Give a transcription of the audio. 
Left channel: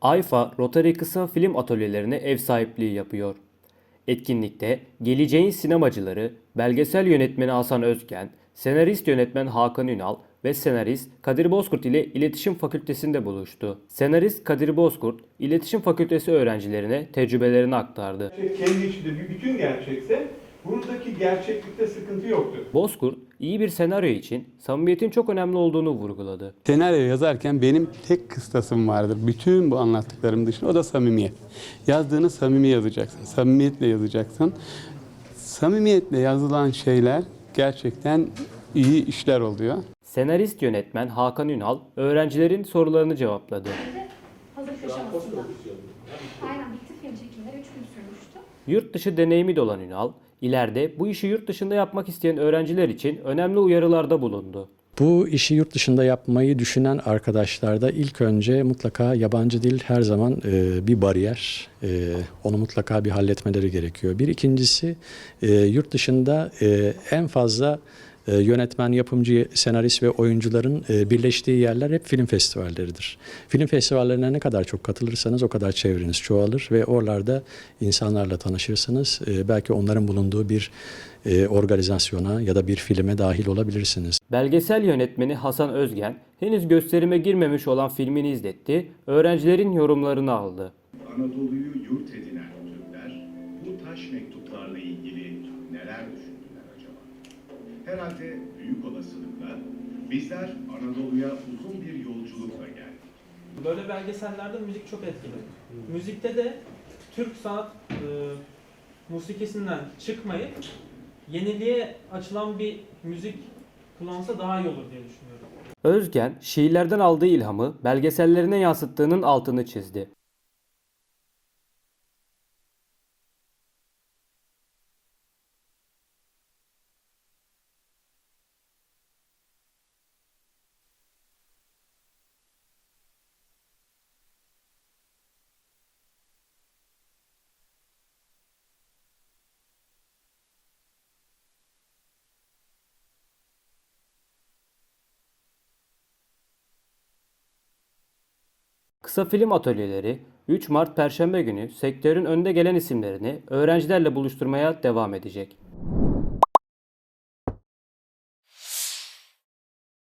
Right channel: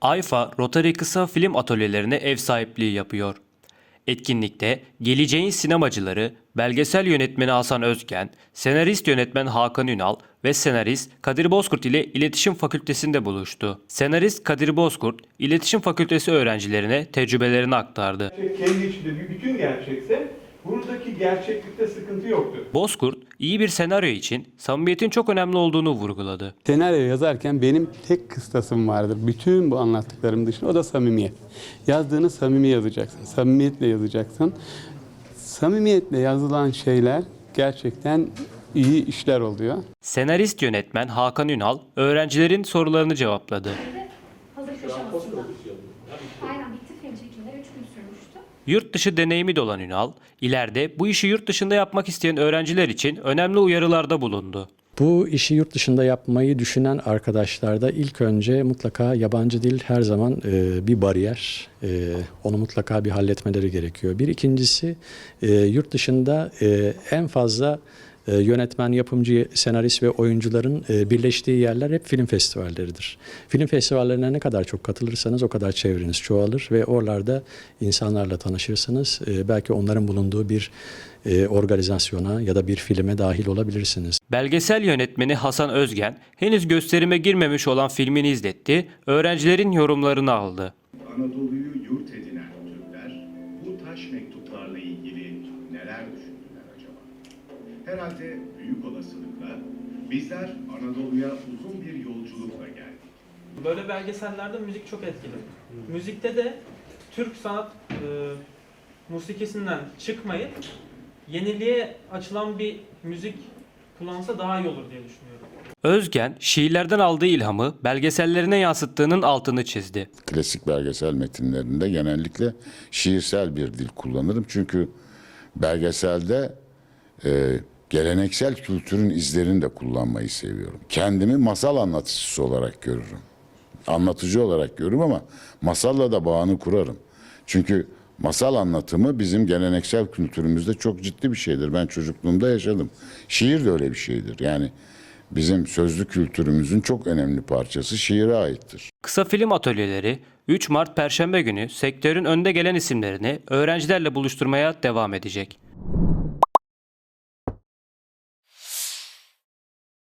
AYFA, Rotary Kısa Film Atölyelerine ev sahipliği yapıyor. Etkinlikte geleceğin sinemacıları, belgesel yönetmeni Hasan Özgen, senarist yönetmen Hakan Ünal ve senarist Kadir Bozkurt ile İletişim Fakültesi'nde buluştu. Senarist Kadir Bozkurt, İletişim Fakültesi öğrencilerine tecrübelerini aktardı. kendi içinde bir bütün gerçekse buradaki gerçeklikte sıkıntı yoktur. Bozkurt, iyi bir senaryo için samimiyetin çok önemli olduğunu vurguladı. Senaryo yazarken benim tek kıstasım vardır. Bütün bu anlattıklarım dışında o da samimiyet. Yazdığını samimi yazacaksın. Samimiyetle yazacaksın. Samimiyetle yazılan şeyler gerçekten iyi işler oluyor. Senarist yönetmen Hakan Ünal, öğrencilerin sorularını cevapladı. Hazır köşe aşamasında. Aynen bitti film çekimleri 3 gün sürmüştü. Yurt dışı deneyimi de olan Ünal, ileride bu işi yurt dışında yapmak isteyen öğrenciler için önemli uyarılarda bulundu. Bu işi yurt dışında yapmayı düşünen arkadaşlarda ilk önce mutlaka yabancı dil her zaman e, bir bariyer. E, onu mutlaka bir halletmeleri gerekiyor. Bir ikincisi e, yurt dışında e, en fazla e, yönetmen, yapımcı, senarist ve oyuncuların e, birleştiği yerler hep film festivalleridir. Film festivallerine ne kadar çok katılırsanız o kadar çevreniz çoğalır ve oralarda insanlarla tanışırsınız. E, belki onların bulunduğu bir e, organizasyona ya da bir filme dahil olabilirsiniz. Belgesel yönetmeni Hasan Özgen, henüz gösterime girmemiş olan filmini izletti, öğrencilerin yorumlarını aldı. Anadolu'yu yurt edinen Türkler bu taş mektuplarla ilgili neler acaba? Herhalde büyük olasılıkla bizler Anadolu'ya uzun bir yolculukla geldik. Böyle belgesellerde müzik çok etkili. Müzikte de Türk sanat e, musikisinden çıkmayıp yeniliğe açılan bir müzik kullansa daha iyi olur diye düşünüyorum. Özgen, şiirlerden aldığı ilhamı belgesellerine yansıttığının altını çizdi. klasik belgesel metinlerinde genellikle şiirsel bir dil kullanırım. Çünkü belgeselde e, geleneksel kültürün izlerini de kullanmayı seviyorum. Kendimi masal anlatıcısı olarak görürüm. Anlatıcı olarak görürüm ama masalla da bağını kurarım. Çünkü masal anlatımı bizim geleneksel kültürümüzde çok ciddi bir şeydir. Ben çocukluğumda yaşadım. Şiir de öyle bir şeydir. Yani bizim sözlü kültürümüzün çok önemli parçası şiire aittir. Kısa film atölyeleri 3 Mart Perşembe günü sektörün önde gelen isimlerini öğrencilerle buluşturmaya devam edecek.